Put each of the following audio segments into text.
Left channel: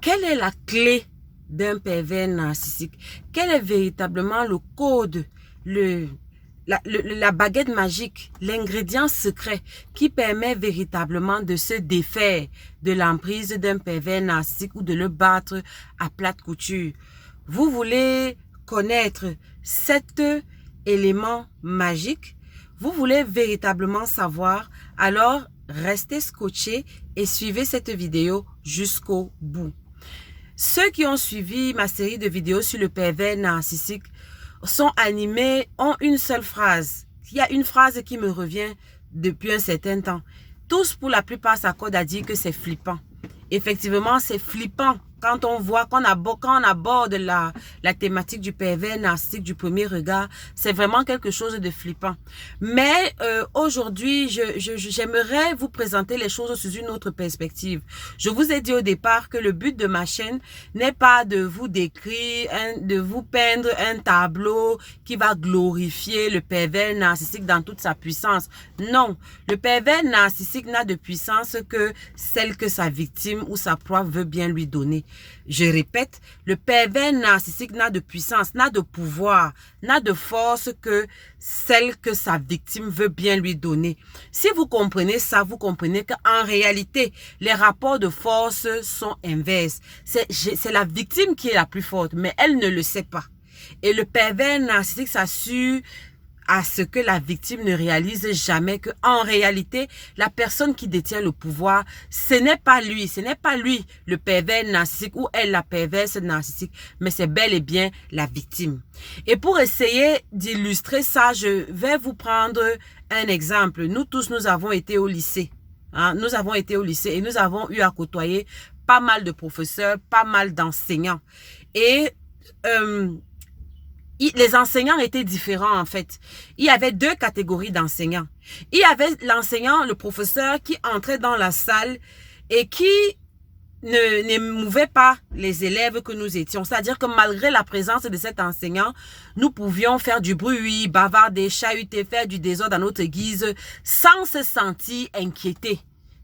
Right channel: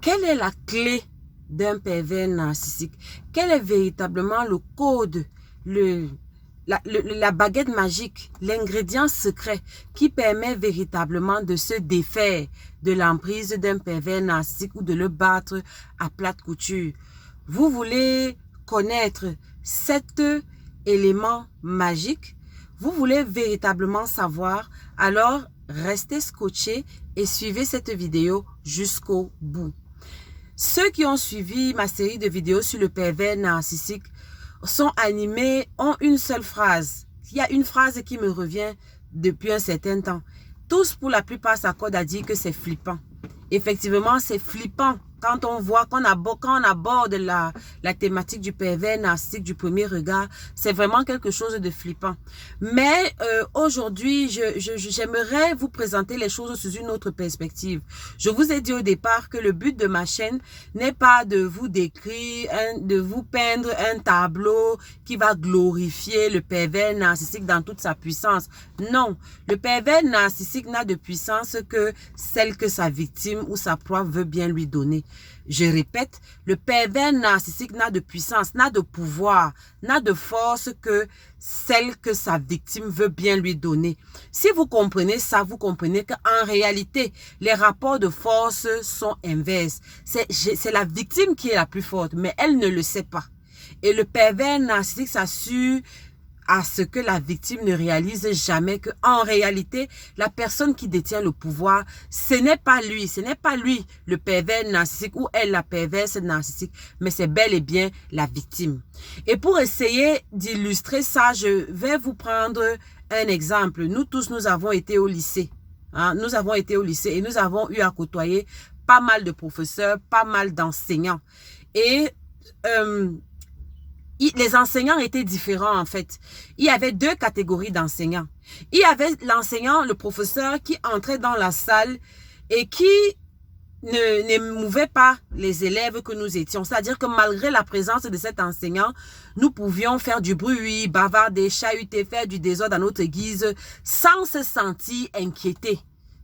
Quelle est la clé d'un pervers narcissique? Quel est véritablement le code, la baguette magique, l'ingrédient secret qui permet véritablement de se défaire de l'emprise d'un pervers narcissique ou de le battre à plate couture? Vous voulez connaître cet élément magique? Vous voulez véritablement savoir? Alors, restez scotchés et suivez cette vidéo jusqu'au bout. Ceux qui ont suivi ma série de vidéos sur le pervers narcissique sont animés, ont une seule phrase. Il y a une phrase qui me revient depuis un certain temps. Tous, pour la plupart, s'accordent à dire que c'est flippant. Effectivement, c'est flippant quand on voit, quand on aborde la thématique du pervers narcissique du premier regard. C'est vraiment quelque chose de flippant. Mais aujourd'hui, j'aimerais vous présenter les choses sous une autre perspective. Je vous ai dit au départ que le but de ma chaîne n'est pas de vous décrire, de vous peindre un tableau qui va glorifier le pervers narcissique dans toute sa puissance. Non, le pervers narcissique n'a de puissance que celle que sa victime ou sa proie veut bien lui donner. Je répète, le pervers narcissique n'a de puissance, n'a de pouvoir, n'a de force que celle que sa victime veut bien lui donner. Si vous comprenez ça, vous comprenez qu'en réalité, les rapports de force sont inverses. C'est la victime qui est la plus forte, mais elle ne le sait pas. Et le pervers narcissique s'assure à ce que la victime ne réalise jamais que, en réalité, la personne qui détient le pouvoir, ce n'est pas lui le pervers narcissique ou elle la perverse narcissique, mais c'est bel et bien la victime. Et pour essayer d'illustrer ça, je vais vous prendre un exemple. Nous tous, nous avons été au lycée. Nous avons été au lycée et nous avons eu à côtoyer pas mal de professeurs, pas mal d'enseignants. Et les enseignants étaient différents en fait. Il y avait deux catégories d'enseignants. Il y avait l'enseignant, le professeur qui entrait dans la salle et qui n'émouvait pas les élèves que nous étions. C'est-à-dire que malgré la présence de cet enseignant, nous pouvions faire du bruit, bavarder, chahuter, faire du désordre à notre guise sans se sentir inquiétés.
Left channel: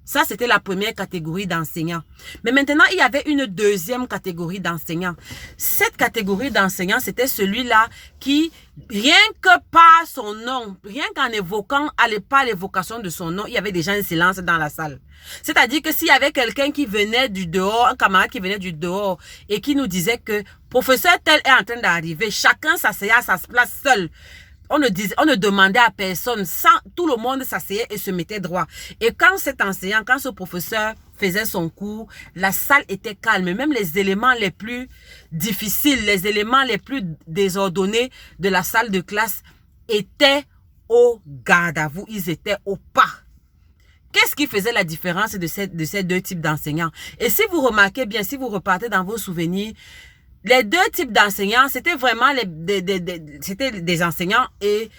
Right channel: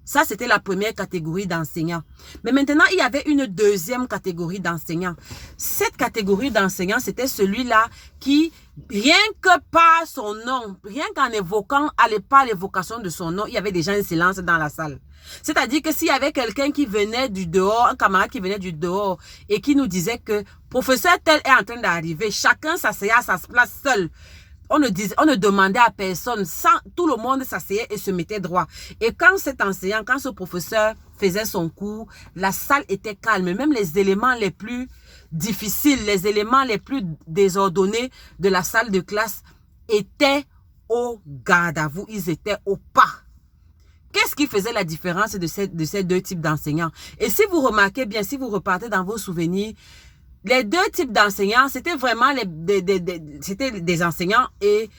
Ça, c'était la première catégorie d'enseignants. Mais maintenant, il y avait une deuxième catégorie d'enseignants. Cette catégorie d'enseignants, c'était celui-là qui, rien que par son nom, rien qu'en évoquant, par l'évocation de son nom, il y avait déjà un silence dans la salle. C'est-à-dire que s'il y avait quelqu'un qui venait du dehors, un camarade qui venait du dehors et qui nous disait que professeur tel est en train d'arriver, chacun s'asseyait à sa place seul. On ne demandait à personne, tout le monde s'asseyait et se mettait droit. Et quand cet enseignant, quand ce professeur faisait son cours, la salle était calme. Même les éléments les plus difficiles, les éléments les plus désordonnés de la salle de classe étaient au garde à vous, ils étaient au pas. Qu'est-ce qui faisait la différence de ces deux types d'enseignants? Et si vous remarquez bien, si vous repartez dans vos souvenirs, les deux types d'enseignants, c'était vraiment des enseignants et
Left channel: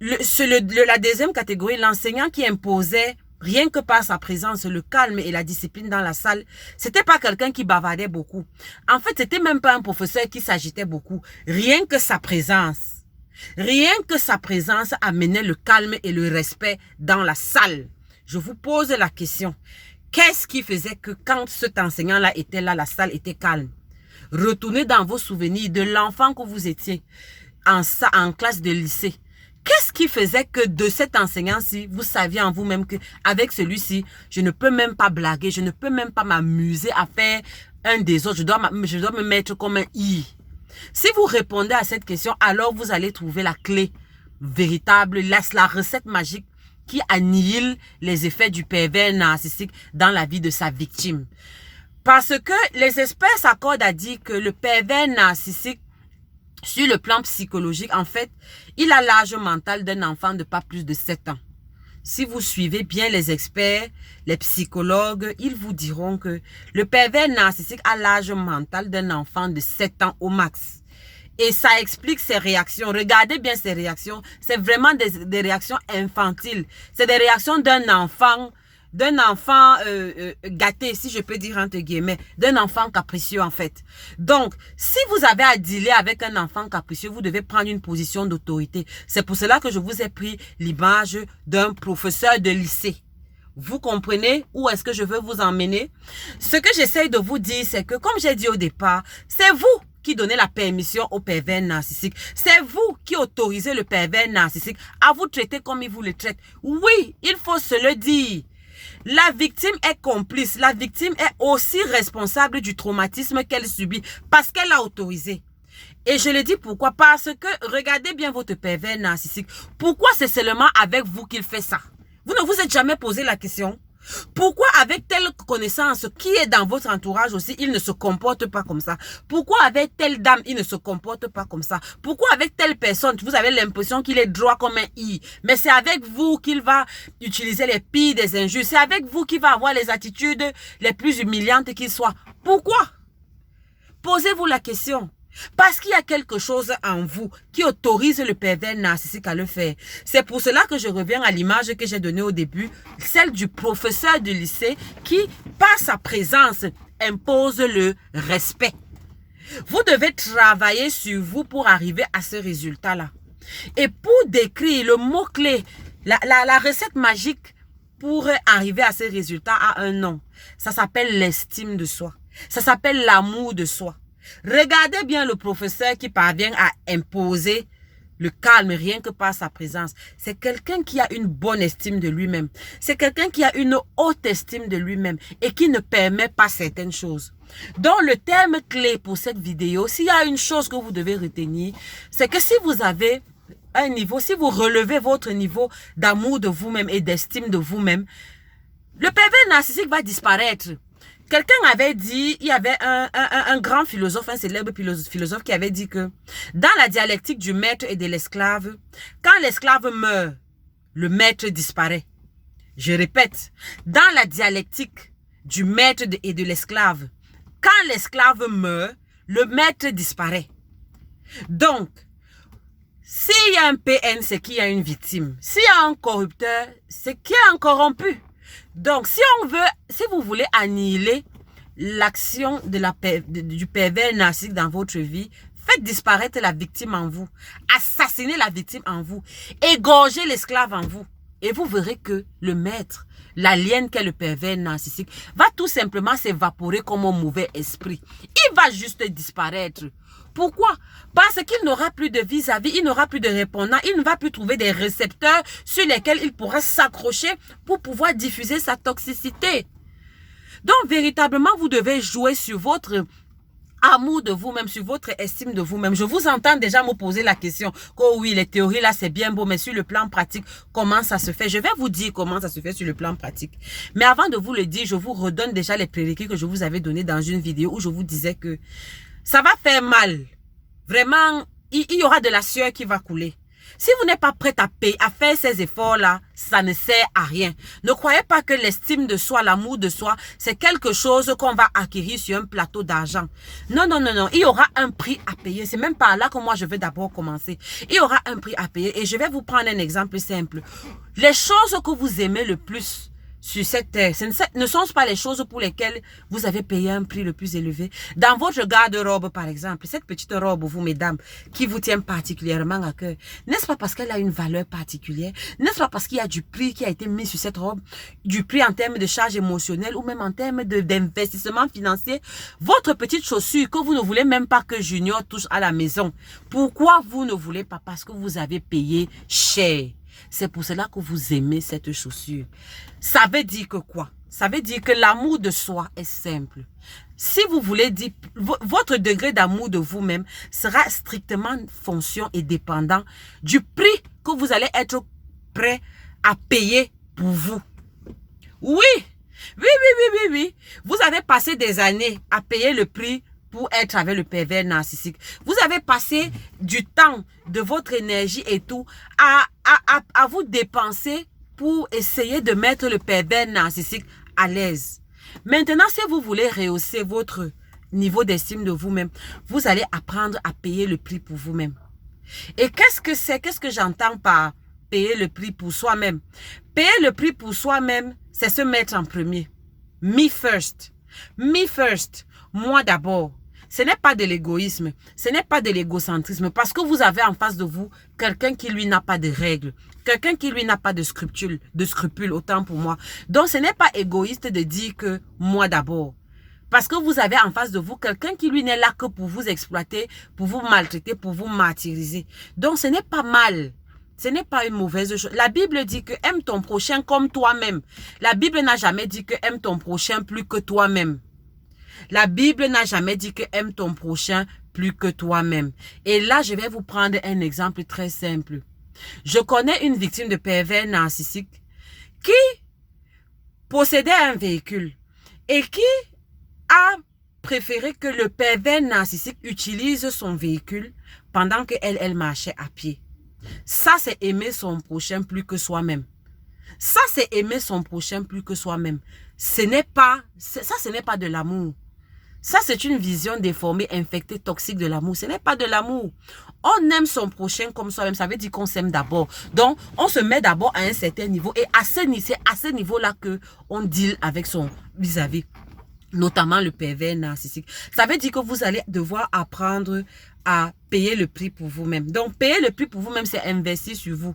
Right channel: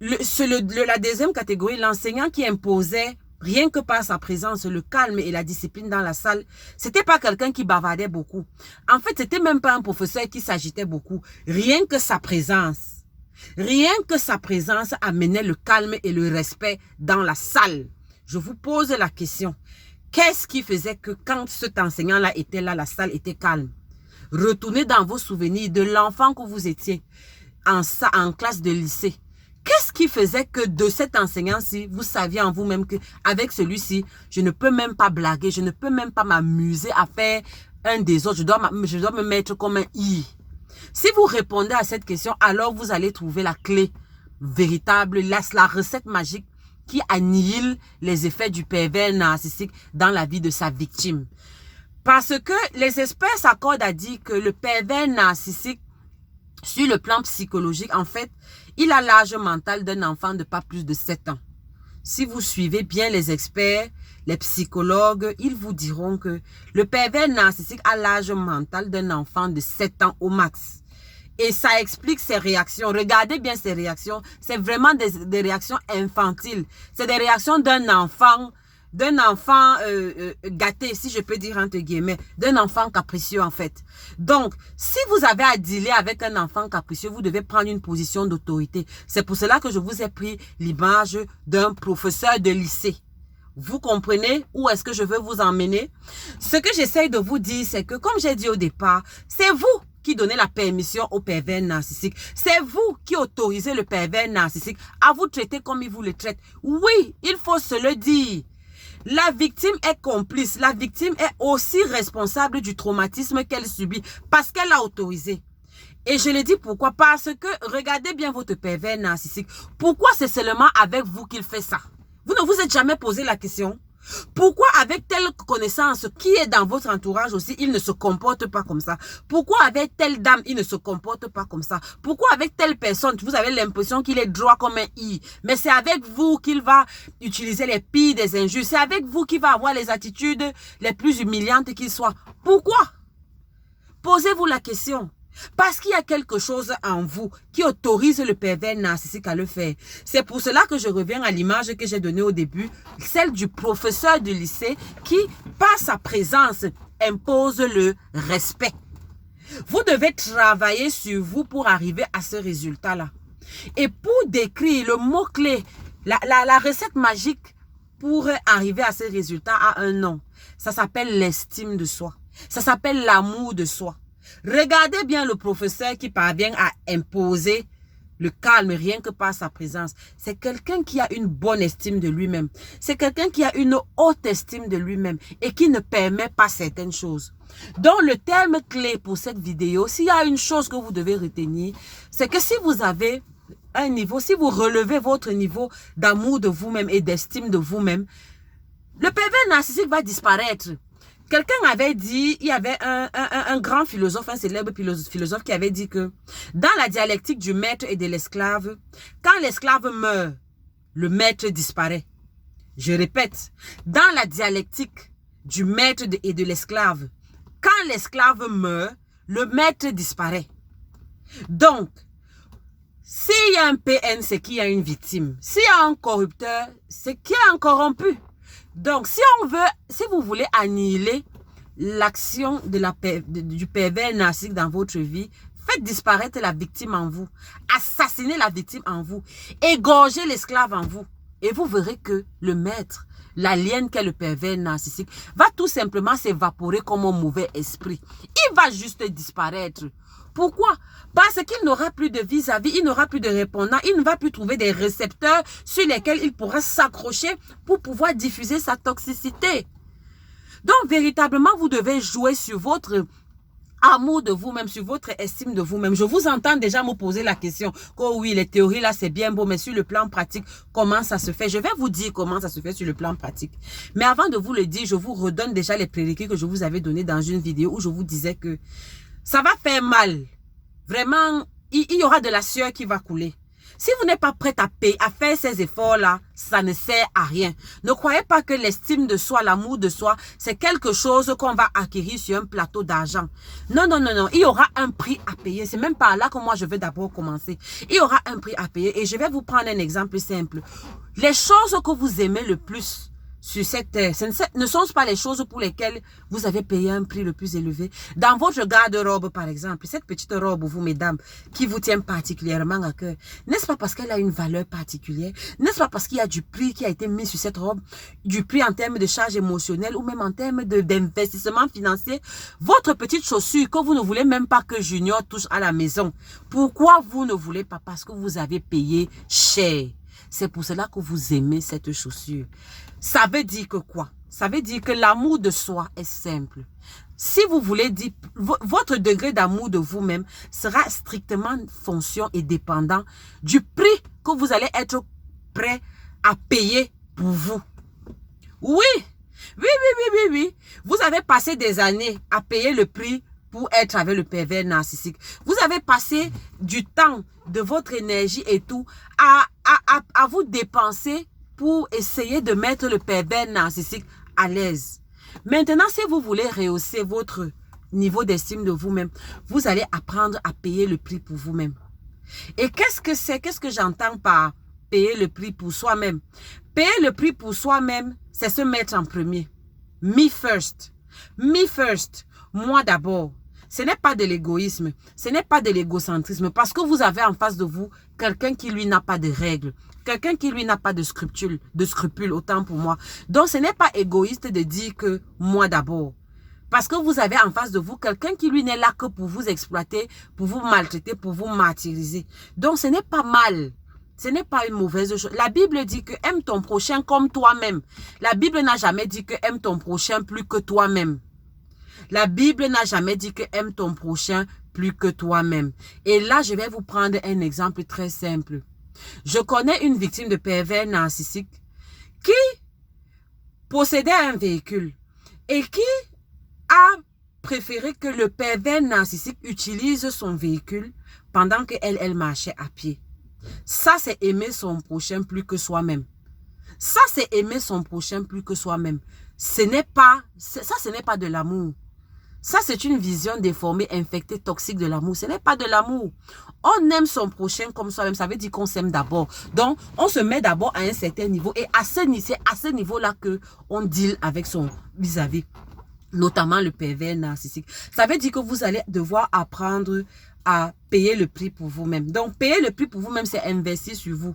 la deuxième catégorie, l'enseignant qui imposait, rien que par sa présence, le calme et la discipline dans la salle, c'était pas quelqu'un qui bavardait beaucoup. En fait, c'était même pas un professeur qui s'agitait beaucoup. Rien que sa présence amenait le calme et le respect dans la salle. Je vous pose la question. Qu'est-ce qui faisait que quand cet enseignant-là était là, la salle était calme? Retournez dans vos souvenirs de l'enfant que vous étiez en classe de lycée. Qu'est-ce qui faisait que de cet enseignant-ci, vous saviez en vous-même qu'avec celui-ci, je ne peux même pas blaguer, je ne peux même pas m'amuser à faire un désordre, je dois me mettre comme un i. Si vous répondez à cette question, alors vous allez trouver la clé véritable, la recette magique qui annihile les effets du pervers narcissique dans la vie de sa victime. Parce que les experts s'accordent à dire que le pervers narcissique, sur le plan psychologique, en fait, il a l'âge mental d'un enfant de pas plus de 7 ans. Si vous suivez bien les experts, les psychologues, ils vous diront que le pervers narcissique a l'âge mental d'un enfant de 7 ans au max. Et ça explique ses réactions. Regardez bien ses réactions. C'est vraiment des réactions infantiles. C'est des réactions d'un enfant gâté, si je peux dire entre guillemets, d'un enfant capricieux en fait. Donc, si vous avez à dealer avec un enfant capricieux, vous devez prendre une position d'autorité. C'est pour cela que je vous ai pris l'image d'un professeur de lycée. Vous comprenez où est-ce que je veux vous emmener? Ce que j'essaye de vous dire, c'est que, comme j'ai dit au départ, c'est vous qui donnez la permission au pervers narcissique. C'est vous qui autorisez le pervers narcissique à vous traiter comme il vous le traite. Oui, il faut se le dire. La victime est complice. La victime est aussi responsable du traumatisme qu'elle subit parce qu'elle l'a autorisé. Et je le dis pourquoi? Parce que regardez bien votre pervers narcissique. Pourquoi c'est seulement avec vous qu'il fait ça? Vous ne vous êtes jamais posé la question? Pourquoi avec telle connaissance qui est dans votre entourage aussi, il ne se comporte pas comme ça? Pourquoi avec telle dame, il ne se comporte pas comme ça? Pourquoi avec telle personne, vous avez l'impression qu'il est droit comme un i? Mais c'est avec vous qu'il va utiliser les pires des injures. C'est avec vous qu'il va avoir les attitudes les plus humiliantes qu'il soit. Pourquoi? Posez-vous la question. Parce qu'il y a quelque chose en vous qui autorise le pervers narcissique à le faire. C'est pour cela que je reviens à l'image que j'ai donnée au début, celle du professeur de lycée qui, par sa présence, impose le respect. Vous devez travailler sur vous pour arriver à ce résultat-là. Et pour décrire le mot-clé, la recette magique pour arriver à ce résultat a un nom. Ça s'appelle l'estime de soi. Ça s'appelle l'amour de soi. Regardez bien le professeur qui parvient à imposer le calme rien que par sa présence. C'est quelqu'un qui a une bonne estime de lui-même. C'est quelqu'un qui a une haute estime de lui-même et qui ne permet pas certaines choses. Donc le terme clé pour cette vidéo, s'il y a une chose que vous devez retenir, c'est que si vous avez un niveau, si vous relevez votre niveau d'amour de vous-même et d'estime de vous-même, le pervers narcissique va disparaître. Quelqu'un avait dit, il y avait un grand philosophe, un célèbre philosophe qui avait dit que dans la dialectique du maître et de l'esclave, quand l'esclave meurt, le maître disparaît. Je répète, dans la dialectique du maître et de l'esclave, quand l'esclave meurt, le maître disparaît. Donc, s'il y a un PN, c'est qu'il y a une victime. S'il y a un corrupteur, c'est qu'il y a un corrompu. Donc, si vous voulez annihiler l'action du pervers narcissique dans votre vie, faites disparaître la victime en vous. Assassinez la victime en vous. Égorgez l'esclave en vous. Et vous verrez que le maître, l'alien qu'est le pervers narcissique, va tout simplement s'évaporer comme un mauvais esprit. Il va juste disparaître. Pourquoi? Parce qu'il n'aura plus de vis-à-vis, il n'aura plus de répondant, il ne va plus trouver des récepteurs sur lesquels il pourra s'accrocher pour pouvoir diffuser sa toxicité. Donc, véritablement, vous devez jouer sur votre amour de vous-même, sur votre estime de vous-même. Je vous entends déjà me poser la question. Oh oui, les théories là, c'est bien beau, mais sur le plan pratique, comment ça se fait? Je vais vous dire comment ça se fait sur le plan pratique. Mais avant de vous le dire, je vous redonne déjà les prérequis que je vous avais donnés dans une vidéo où je vous disais que ça va faire mal. Vraiment, il y aura de la sueur qui va couler. Si vous n'êtes pas prêt à payer, à faire ces efforts-là, ça ne sert à rien. Ne croyez pas que l'estime de soi, l'amour de soi, c'est quelque chose qu'on va acquérir sur un plateau d'argent. Non, non, non, non. Il y aura un prix à payer. C'est même par là que moi, je vais d'abord commencer. Il y aura un prix à payer. Et je vais vous prendre un exemple simple. Les choses que vous aimez le plus sur cette terre, ce ne sont pas les choses pour lesquelles vous avez payé un prix le plus élevé. Dans votre garde-robe, par exemple, cette petite robe, vous, mesdames, qui vous tient particulièrement à cœur, n'est-ce pas parce qu'elle a une valeur particulière? N'est-ce pas parce qu'il y a du prix qui a été mis sur cette robe? Du prix en termes de charge émotionnelle ou même en termes d'investissement financier? Votre petite chaussure que vous ne voulez même pas que Junior touche à la maison. Pourquoi vous ne voulez pas? Parce que vous avez payé cher. C'est pour cela que vous aimez cette chaussure. Ça veut dire que quoi? Ça veut dire que l'amour de soi est simple. Si vous voulez dire, votre degré d'amour de vous-même sera strictement fonction et dépendant du prix que vous allez être prêt à payer pour vous. Oui, oui, oui, oui, oui, oui. Vous avez passé des années à payer le prix pour être avec le pervers narcissique. Vous avez passé du temps, de votre énergie et tout, à vous dépenser pour essayer de mettre le pervers narcissique à l'aise. Maintenant, si vous voulez rehausser votre niveau d'estime de vous-même, vous allez apprendre à payer le prix pour vous-même. Et qu'est-ce que c'est? Qu'est-ce que j'entends par payer le prix pour soi-même? Payer le prix pour soi-même, c'est se mettre en premier. Me first. Me first. Moi d'abord. ce n'est pas de l'égoïsme, ce n'est pas de l'égocentrisme, parce que vous avez en face de vous quelqu'un qui, lui, n'a pas de règles, quelqu'un qui, lui, n'a pas de scrupules, autant pour moi. Donc, ce n'est pas égoïste de dire que moi d'abord. Parce que vous avez en face de vous quelqu'un qui, lui, n'est là que pour vous exploiter, pour vous maltraiter, pour vous martyriser. Donc, ce n'est pas mal. Ce n'est pas une mauvaise chose. La Bible dit que aime ton prochain comme toi-même. La Bible n'a jamais dit que aime ton prochain plus que toi-même. La Bible n'a jamais dit que aime ton prochain plus que toi-même. Et là, je vais vous prendre un exemple très simple. Je connais une victime de pervers narcissique qui possédait un véhicule et qui a préféré que le pervers narcissique utilise son véhicule pendant qu'elle marchait à pied. Ça, c'est aimer son prochain plus que soi-même. Ça, c'est aimer son prochain plus que soi-même. Ce n'est pas de l'amour. Ça, c'est une vision déformée, infectée, toxique de l'amour. Ce n'est pas de l'amour. On aime son prochain comme soi-même. Ça veut dire qu'on s'aime d'abord. Donc, on se met d'abord à un certain niveau. Et c'est à ce niveau-là qu'on deal avec son vis-à-vis. Notamment le pervers narcissique. Ça veut dire que vous allez devoir apprendre à payer le prix pour vous-même. Donc, payer le prix pour vous-même, c'est investir sur vous.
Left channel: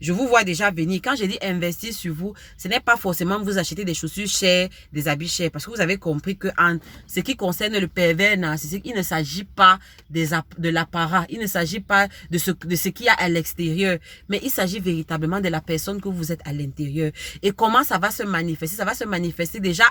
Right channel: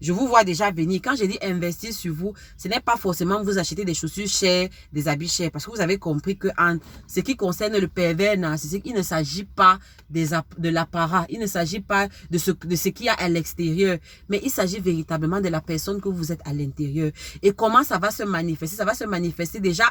Je vous vois déjà venir. Quand je dis investir sur vous, ce n'est pas forcément vous acheter des chaussures chères, des habits chers. Parce que vous avez compris que en ce qui concerne le pervers narcissique, il ne s'agit pas de l'apparat. Il ne s'agit pas de ce qu'il y a à l'extérieur. Mais il s'agit véritablement de la personne que vous êtes à l'intérieur. Et comment ça va se manifester? Ça va se manifester déjà,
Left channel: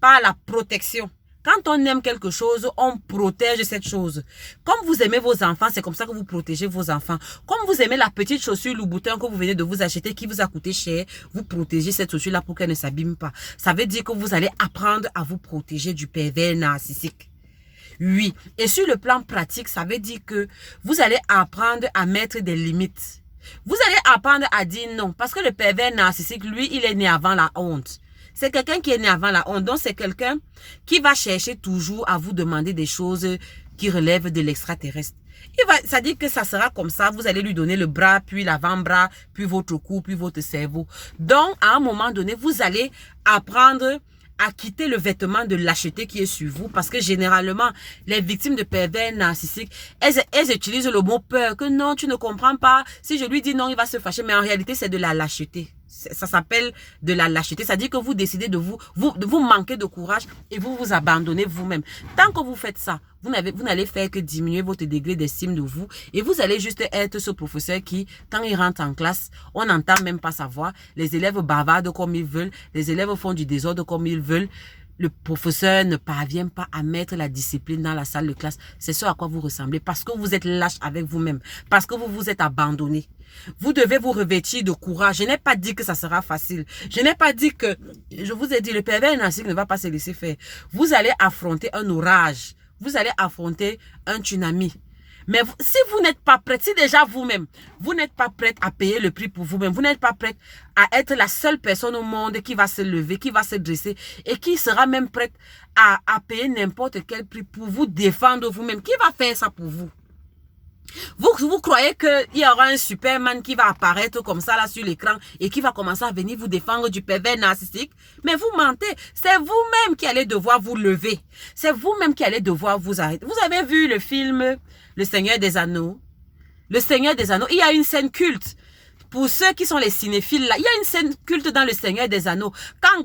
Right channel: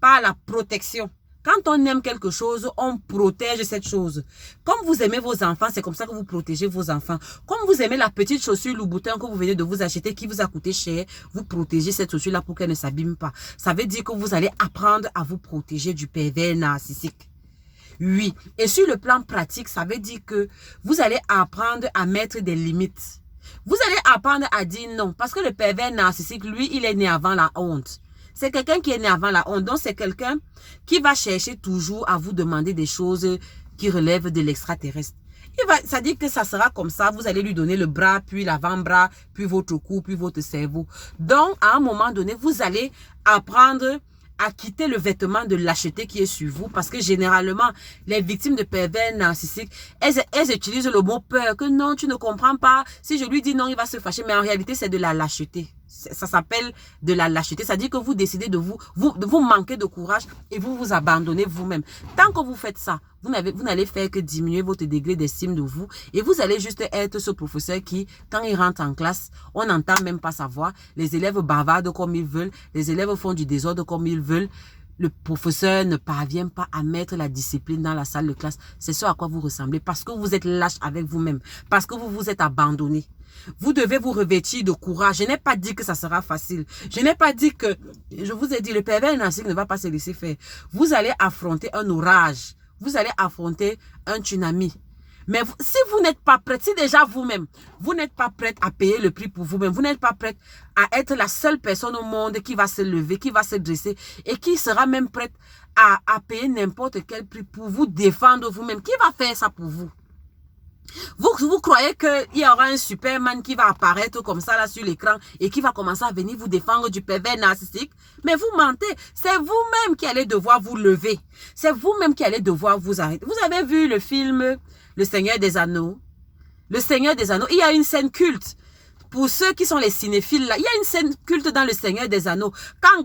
par la protection. Quand on aime quelque chose, on protège cette chose. Comme vous aimez vos enfants, c'est comme ça que vous protégez vos enfants. Comme vous aimez la petite chaussure Louboutin que vous venez de vous acheter, qui vous a coûté cher, vous protégez cette chaussure-là pour qu'elle ne s'abîme pas. Ça veut dire que vous allez apprendre à vous protéger du pervers narcissique. Oui. Et sur le plan pratique, ça veut dire que vous allez apprendre à mettre des limites. Vous allez apprendre à dire non. Parce que le pervers narcissique, lui, il est né avant la honte. C'est quelqu'un qui est né avant la honte. Donc, c'est quelqu'un qui va chercher toujours à vous demander des choses qui relèvent de l'extraterrestre. Ça dit que ça sera comme ça. Vous allez lui donner le bras, puis l'avant-bras, puis votre cou, puis votre cerveau. Donc, à un moment donné, vous allez apprendre à quitter le vêtement de lâcheté qui est sur vous. Parce que généralement, les victimes de pervers narcissiques, elles utilisent le mot peur. Que non, tu ne comprends pas. Si je lui dis non, il va se fâcher. Mais en réalité, c'est de la lâcheté. Ça s'appelle de la lâcheté. Ça dit que vous décidez de vous manquer de courage et vous vous abandonnez vous-même. Tant que vous faites ça, vous n'allez faire que diminuer votre degré d'estime de vous et vous allez juste être ce professeur qui, quand il rentre en classe, on n'entend même pas sa voix. Les élèves bavardent comme ils veulent. Les élèves font du désordre comme ils veulent. Le professeur ne parvient pas à mettre la discipline dans la salle de classe. C'est ce à quoi vous ressemblez parce que vous êtes lâche avec vous-même. Parce que vous vous êtes abandonné. Vous devez vous revêtir de courage. Je n'ai pas dit que ça sera facile. Je n'ai pas dit que... Je vous ai dit, le pervers narcissique ne va pas se laisser faire. Vous allez affronter un orage. Vous allez affronter un tsunami. Mais si vous n'êtes pas prête, si déjà vous-même, vous n'êtes pas prête à payer le prix pour vous-même, vous n'êtes pas prête à être la seule personne au monde qui va se lever, qui va se dresser et qui sera même prête à payer n'importe quel prix pour vous défendre vous-même, qui va faire ça pour vous? Vous croyez qu'il y aura un Superman qui va apparaître comme ça là sur l'écran et qui va commencer à venir vous défendre du pervers narcissique? Mais vous mentez. C'est vous-même qui allez devoir vous lever. C'est vous-même qui allez devoir vous arrêter. Vous avez vu le film Le Seigneur des Anneaux? Le Seigneur des Anneaux, il y a une scène culte. Pour ceux qui sont les cinéphiles là, il y a une scène culte dans Le Seigneur des Anneaux. Quand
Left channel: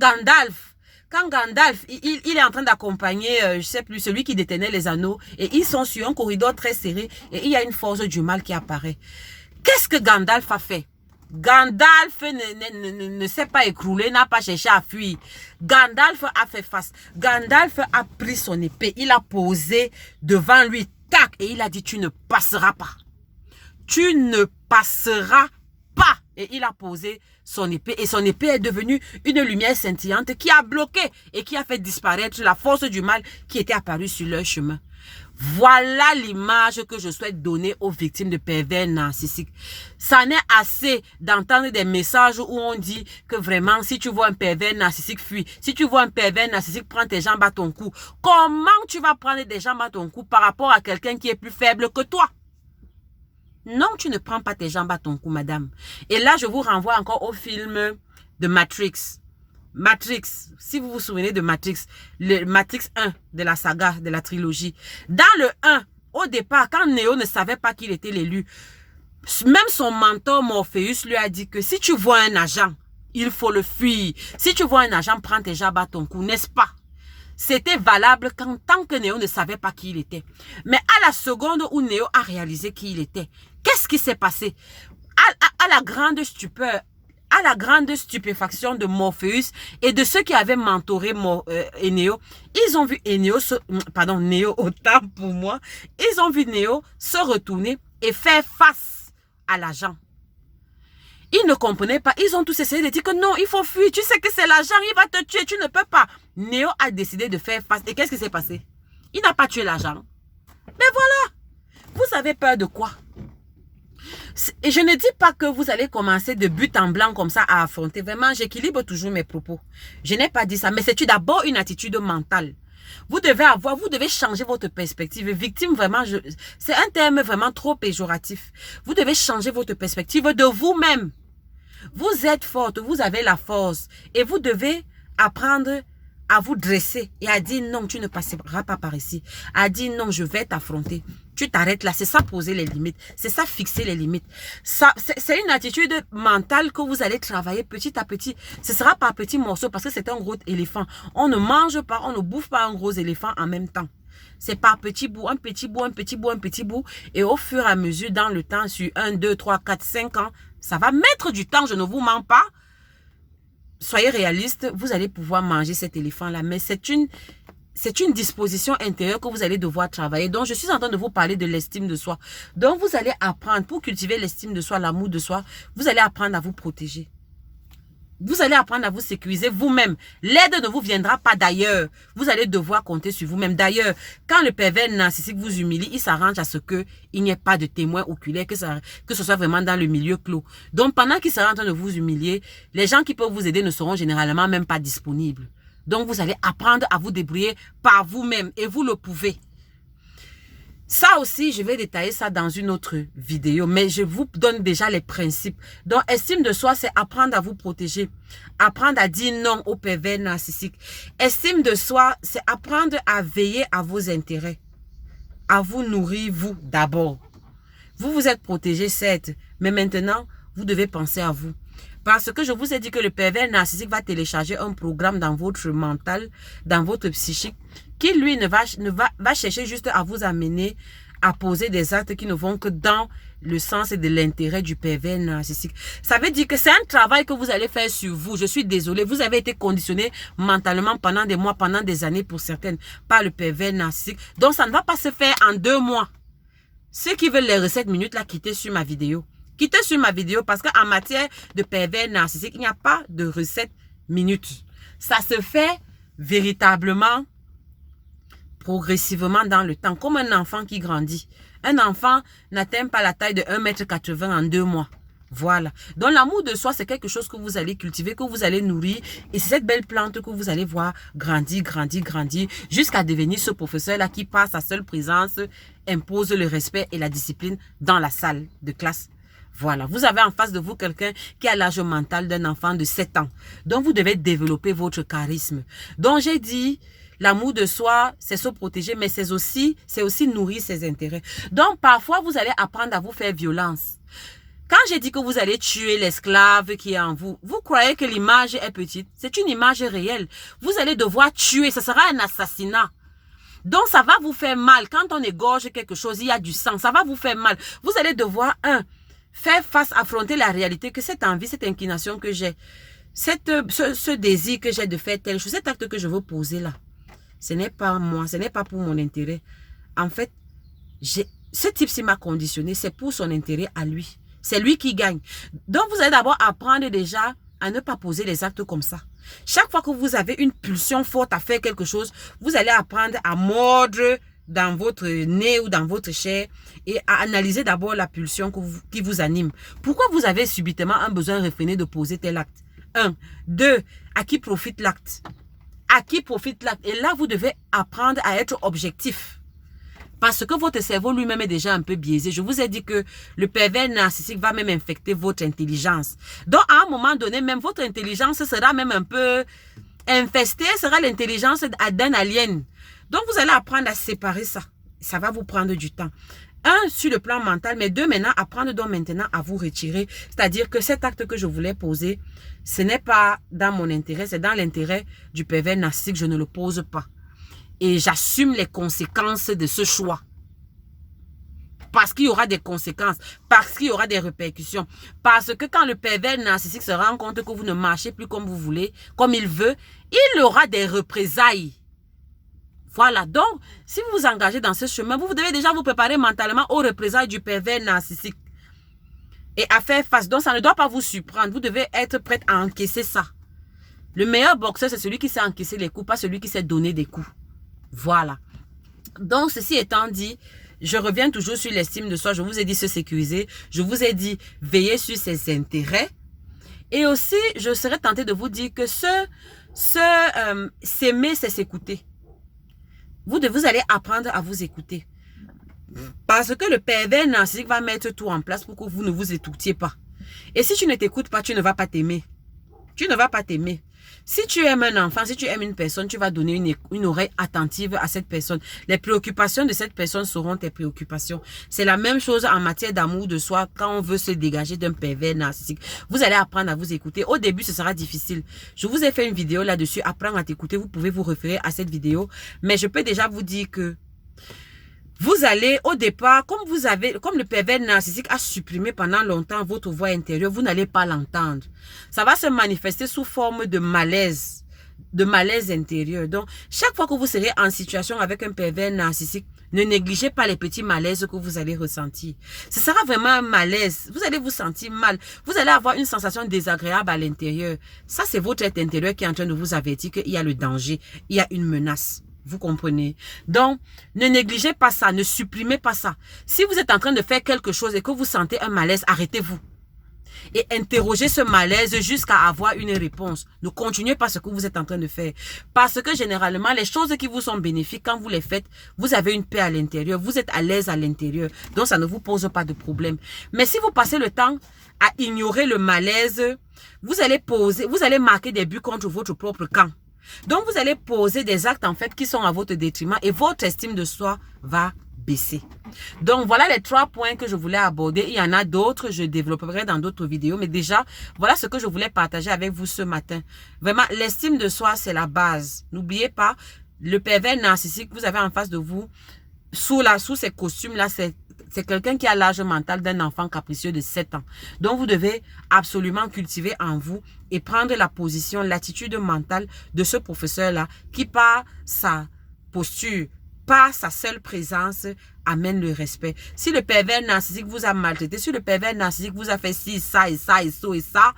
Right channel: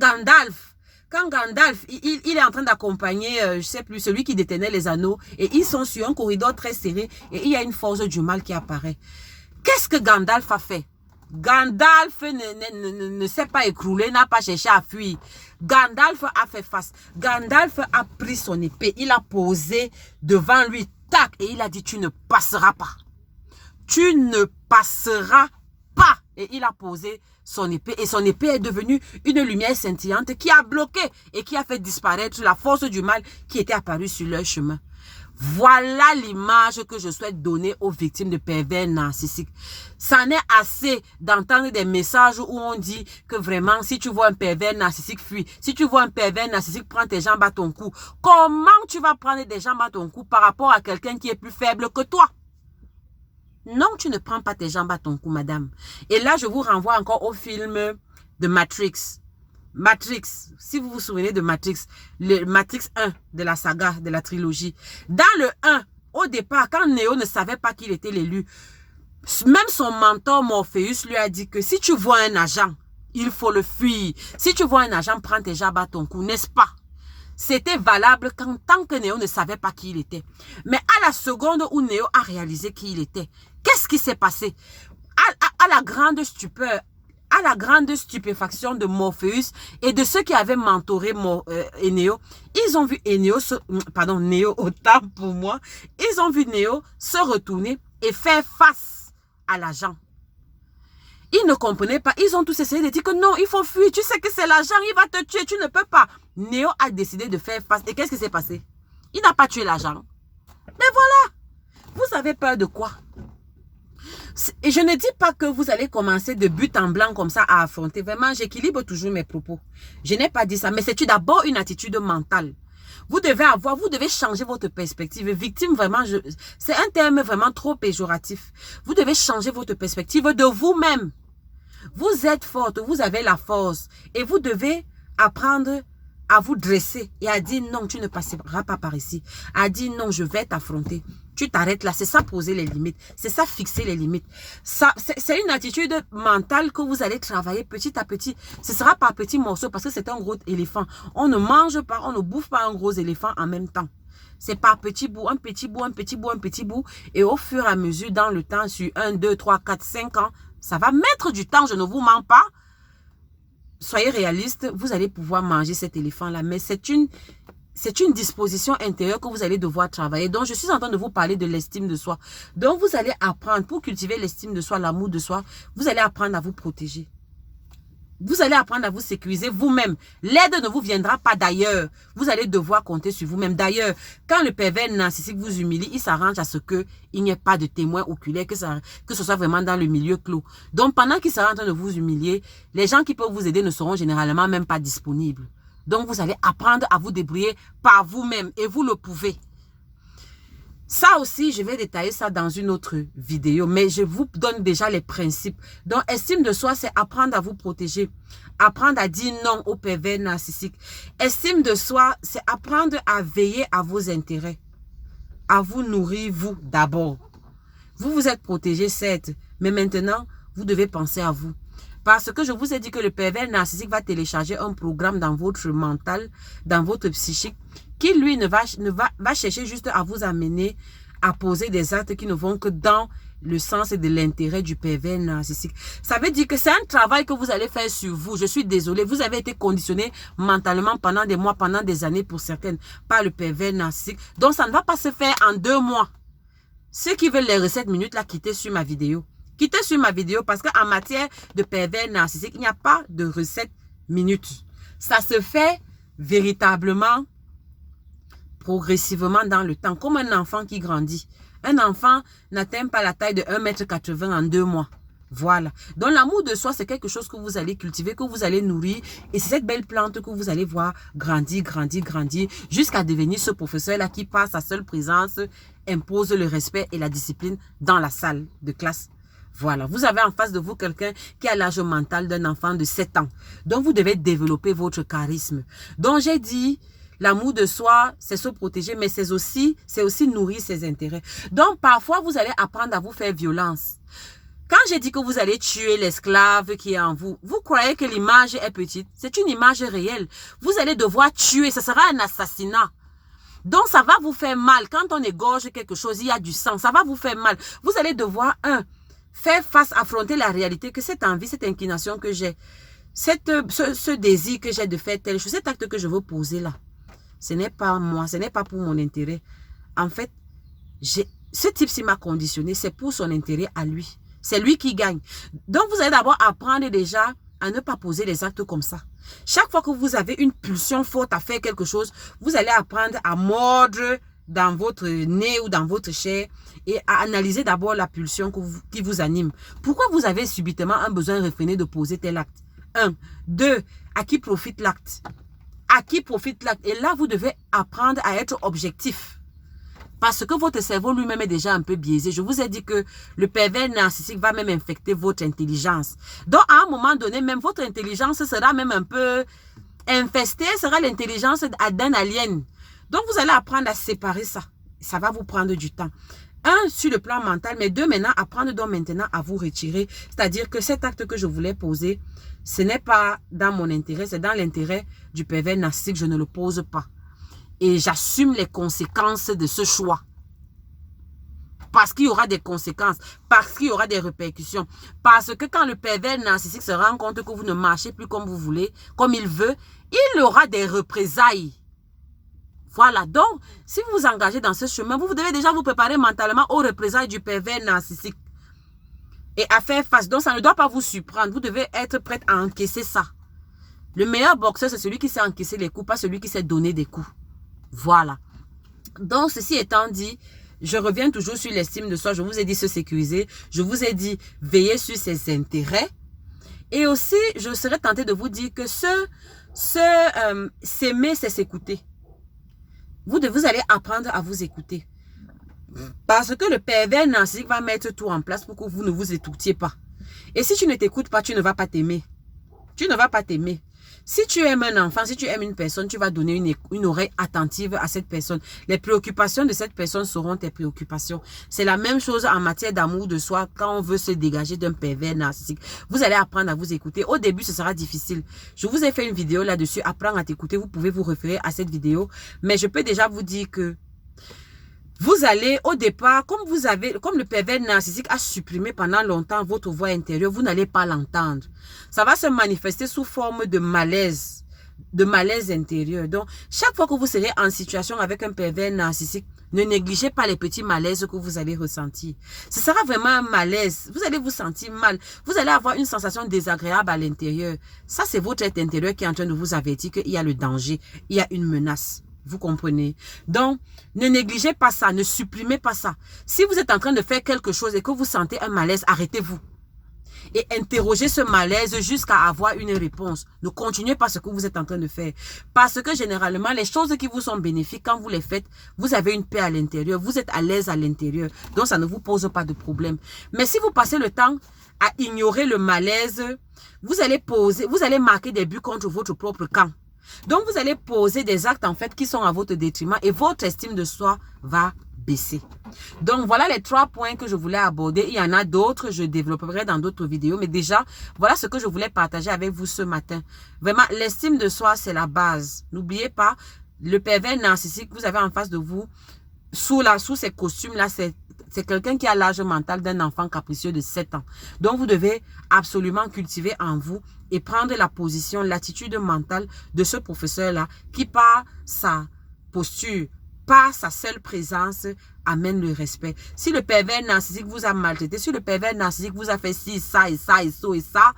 Gandalf, il est en train d'accompagner, je sais plus, celui qui détenait les anneaux. Et ils sont sur un corridor très serré. Et il y a une force du mal qui apparaît. Qu'est-ce que Gandalf a fait? Gandalf ne s'est pas écroulé, n'a pas cherché à fuir. Gandalf a fait face. Gandalf a pris son épée. Il a posé devant lui. Tac! Et il a dit, tu ne passeras pas. Tu ne passeras pas. Et il a posé son épée. Et son épée est devenue une lumière scintillante qui a bloqué et qui a fait disparaître la force du mal qui était apparue sur leur chemin. Voilà l'image que je souhaite donner aux victimes de pervers narcissiques. Ça n'est assez d'entendre des messages où on dit que vraiment, si tu vois un pervers narcissique, fuis. Si tu vois un pervers narcissique, prends tes jambes à ton cou. Comment tu vas prendre des jambes à ton cou par rapport à quelqu'un qui est plus faible que toi? Non, tu ne prends pas tes jambes à ton cou, madame. Et là, je vous renvoie encore au film de Matrix. Matrix, si vous vous souvenez de Matrix, le Matrix 1 de la saga, de la trilogie. Dans le 1, au départ, quand Neo ne savait pas qu'il était l'élu, même son mentor Morpheus lui a dit que si tu vois un agent, il faut le fuir. Si tu vois un agent, prends tes jambes à ton cou, n'est-ce pas? C'était valable tant que Neo ne savait pas qui il était. Mais à la seconde où Neo a réalisé qui il était, qu'est-ce qui s'est passé? À la grande stupeur, à la grande stupéfaction de Morpheus et de ceux qui avaient mentoré Neo, ils ont vu Neo, autant pour moi, ils ont vu Neo se retourner et faire face à l'agent. Ils ne comprenaient pas, ils ont tous essayé de dire que non, il faut fuir, tu sais que c'est l'agent, il va te tuer, tu ne peux pas. Neo a décidé de faire face. Et qu'est-ce qui s'est passé? Il n'a pas tué l'agent. Mais voilà, vous avez peur de quoi? Et je ne dis pas que vous allez commencer de but en blanc comme ça à affronter. Vraiment, j'équilibre toujours mes propos. Je n'ai pas dit ça, mais c'est d'abord une attitude mentale. Vous devez changer votre perspective. Victime, vraiment, c'est un terme vraiment trop péjoratif. Vous devez changer votre perspective de vous-même. Vous êtes forte, vous avez la force. Et vous devez apprendre à vous dresser et à dire non, tu ne passeras pas par ici. À dire non, je vais t'affronter. Tu t'arrêtes là. C'est ça poser les limites. C'est ça fixer les limites. C'est une attitude mentale que vous allez travailler petit à petit. Ce sera par petits morceaux parce que c'est un gros éléphant. On ne mange pas, on ne bouffe pas un gros éléphant en même temps. C'est par petits bouts, un petit bout, un petit bout, un petit bout. Et au fur et à mesure, dans le temps, sur 1, 2, 3, 4, 5 ans, ça va mettre du temps, je ne vous mens pas. Soyez réaliste, vous allez pouvoir manger cet éléphant-là. Mais c'est une disposition intérieure que vous allez devoir travailler. Donc, je suis en train de vous parler de l'estime de soi. Donc, vous allez apprendre, pour cultiver l'estime de soi, l'amour de soi, vous allez apprendre à vous protéger. Vous allez apprendre à vous sécuriser vous-même. L'aide ne vous viendra pas d'ailleurs. Vous allez devoir compter sur vous-même. D'ailleurs, quand le pervers narcissique vous humilie, il s'arrange à ce qu'il n'y ait pas de témoin oculaire, que ce soit vraiment dans le milieu clos. Donc, pendant qu'il sera en train de vous humilier, les gens qui peuvent vous aider ne seront généralement même pas disponibles. Donc, vous allez apprendre à vous débrouiller par vous-même et vous le pouvez. Ça aussi, je vais détailler ça dans une autre vidéo, mais je vous donne déjà les principes. Donc, estime de soi, c'est apprendre à vous protéger, apprendre à dire non aux pervers narcissiques. Estime de soi, c'est apprendre à veiller à vos intérêts, à vous nourrir, vous, d'abord. Vous vous êtes protégé, certes, mais maintenant, vous devez penser à vous. Parce que je vous ai dit que le pervers narcissique va télécharger un programme dans votre mental, dans votre psychique, qui lui va chercher juste à vous amener à poser des actes qui ne vont que dans le sens et de l'intérêt du pervers narcissique. Ça veut dire que c'est un travail que vous allez faire sur vous. Je suis désolée, vous avez été conditionné mentalement pendant des mois, pendant des années pour certaines, par le pervers narcissique. Donc ça ne va pas se faire en 2 mois. Ceux qui veulent les recettes minutes, là, quittez sur ma vidéo. Quittez sur ma vidéo parce qu'en matière de pervers narcissique, il n'y a pas de recette minute. Ça se fait véritablement progressivement dans le temps, comme un enfant qui grandit. Un enfant n'atteint pas la taille de 1,80 m en 2 mois. Voilà. Donc l'amour de soi, c'est quelque chose que vous allez cultiver, que vous allez nourrir. Et c'est cette belle plante que vous allez voir grandir, grandir, grandir, jusqu'à devenir ce professeur-là qui, par sa seule présence, impose le respect et la discipline dans la salle de classe. Voilà, vous avez en face de vous quelqu'un qui a l'âge mental d'un enfant de 7 ans. Donc, vous devez développer votre charisme. Donc, j'ai dit, l'amour de soi, c'est se protéger, mais c'est aussi nourrir ses intérêts. Donc, parfois, vous allez apprendre à vous faire violence. Quand j'ai dit que vous allez tuer l'esclave qui est en vous, vous croyez que l'image est petite? C'est une image réelle. Vous allez devoir tuer, ce sera un assassinat. Donc, ça va vous faire mal. Quand on égorge quelque chose, il y a du sang, ça va vous faire mal. Vous allez devoir, faire face, affronter la réalité que cette envie, cette inclination que j'ai, ce désir que j'ai de faire telle chose, cet acte que je veux poser là, ce n'est pas moi, ce n'est pas pour mon intérêt. En fait, ce type-ci m'a conditionné, c'est pour son intérêt à lui. C'est lui qui gagne. Donc, vous allez d'abord apprendre déjà à ne pas poser les actes comme ça. Chaque fois que vous avez une pulsion forte à faire quelque chose, vous allez apprendre à mordre dans votre nez ou dans votre chair et à analyser d'abord la pulsion qui vous anime. Pourquoi vous avez subitement un besoin réfréné de poser tel acte? 1. 2. À qui profite l'acte? À qui profite l'acte? Et là, vous devez apprendre à être objectif. Parce que votre cerveau lui-même est déjà un peu biaisé. Je vous ai dit que le pervers narcissique va même infecter votre intelligence. Donc, à un moment donné, même votre intelligence sera même un peu infestée, sera l'intelligence d'un alien. Donc, vous allez apprendre à séparer ça. Ça va vous prendre du temps. Un, sur le plan mental, mais deux, maintenant, apprendre donc maintenant à vous retirer. C'est-à-dire que cet acte que je voulais poser, ce n'est pas dans mon intérêt, c'est dans l'intérêt du pervers narcissique. Je ne le pose pas. Et j'assume les conséquences de ce choix. Parce qu'il y aura des conséquences, parce qu'il y aura des répercussions. Parce que quand le pervers narcissique se rend compte que vous ne marchez plus comme vous voulez, comme il veut, il aura des représailles. Voilà, donc, si vous vous engagez dans ce chemin, vous devez déjà vous préparer mentalement aux représailles du pervers narcissique. Et à faire face. Donc, ça ne doit pas vous surprendre. Vous devez être prête à encaisser ça. Le meilleur boxeur, c'est celui qui sait encaisser les coups, pas celui qui sait donner des coups. Voilà. Donc, ceci étant dit, je reviens toujours sur l'estime de soi. Je vous ai dit se sécuriser. Je vous ai dit veiller sur ses intérêts. Et aussi, je serais tentée de vous dire que s'aimer, c'est s'écouter. Vous allez apprendre à vous écouter. Parce que le pervers narcissique va mettre tout en place pour que vous ne vous écoutiez pas. Et si tu ne t'écoutes pas, tu ne vas pas t'aimer. Tu ne vas pas t'aimer. Si tu aimes un enfant, si tu aimes une personne, tu vas donner une oreille attentive à cette personne. Les préoccupations de cette personne seront tes préoccupations. C'est la même chose en matière d'amour de soi quand on veut se dégager d'un pervers narcissique. Vous allez apprendre à vous écouter. Au début, ce sera difficile. Je vous ai fait une vidéo là-dessus. Apprendre à t'écouter. Vous pouvez vous référer à cette vidéo. Mais je peux déjà vous dire que vous allez, au départ, comme le pervers narcissique a supprimé pendant longtemps votre voix intérieure, vous n'allez pas l'entendre. Ça va se manifester sous forme de malaise intérieur. Donc, chaque fois que vous serez en situation avec un pervers narcissique, ne négligez pas les petits malaises que vous allez ressentir. Ce sera vraiment un malaise. Vous allez vous sentir mal. Vous allez avoir une sensation désagréable à l'intérieur. Ça, c'est votre être intérieur qui est en train de vous avertir qu'il y a le danger, il y a une menace. Vous comprenez? Donc, ne négligez pas ça, ne supprimez pas ça. Si vous êtes en train de faire quelque chose et que vous sentez un malaise, arrêtez-vous. Et interrogez ce malaise jusqu'à avoir une réponse. Ne continuez pas ce que vous êtes en train de faire. Parce que généralement, les choses qui vous sont bénéfiques, quand vous les faites, vous avez une paix à l'intérieur. Vous êtes à l'aise à l'intérieur. Donc, ça ne vous pose pas de problème. Mais si vous passez le temps à ignorer le malaise, vous allez marquer des buts contre votre propre camp. Donc, vous allez poser des actes en fait qui sont à votre détriment et votre estime de soi va baisser. Donc, voilà les 3 points que je voulais aborder. Il y en a d'autres, je développerai dans d'autres vidéos. Mais déjà, voilà ce que je voulais partager avec vous ce matin. Vraiment, l'estime de soi, c'est la base. N'oubliez pas, le pervers narcissique, vous avez en face de vous, sous ces costumes-là, c'est quelqu'un qui a l'âge mental d'un enfant capricieux de 7 ans. Donc, vous devez absolument cultiver en vous et prendre la position, l'attitude mentale de ce professeur-là qui, par sa posture, par sa seule présence, amène le respect. Si le pervers narcissique vous a maltraité, si le pervers narcissique vous a fait ci, ça et ça et ça et ça,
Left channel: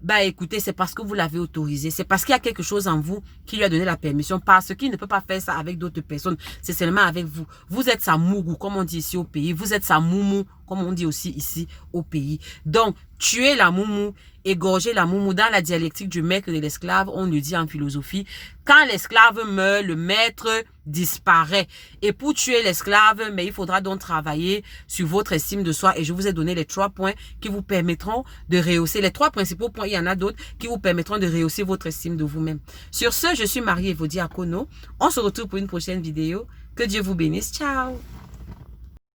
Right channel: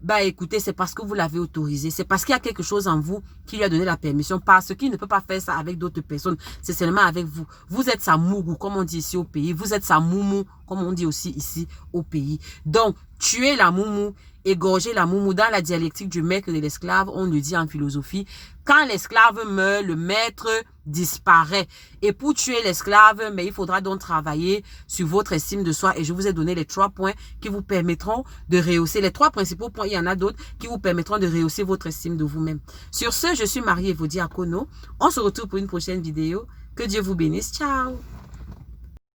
bah écoutez, c'est parce que vous l'avez autorisé. C'est parce qu'il y a quelque chose en vous qui lui a donné la permission. Parce qu'il ne peut pas faire ça avec d'autres personnes. C'est seulement avec vous. Vous êtes sa mougou, comme on dit ici au pays. Vous êtes sa moumou, comme on dit aussi ici au pays. Donc, tuez la moumou, égorgez la moumou. Dans la dialectique du maître et de l'esclave, on le dit en philosophie. Quand l'esclave meurt, le maître disparaît. Et pour tuer l'esclave, mais il faudra donc travailler sur votre estime de soi. Et je vous ai donné les 3 points qui vous permettront de rehausser. Les 3 principaux points, il y en a d'autres qui vous permettront de rehausser votre estime de vous-même. Sur ce, je suis Marie Evodi Akono. On se retrouve pour une prochaine vidéo. Que Dieu vous bénisse. Ciao!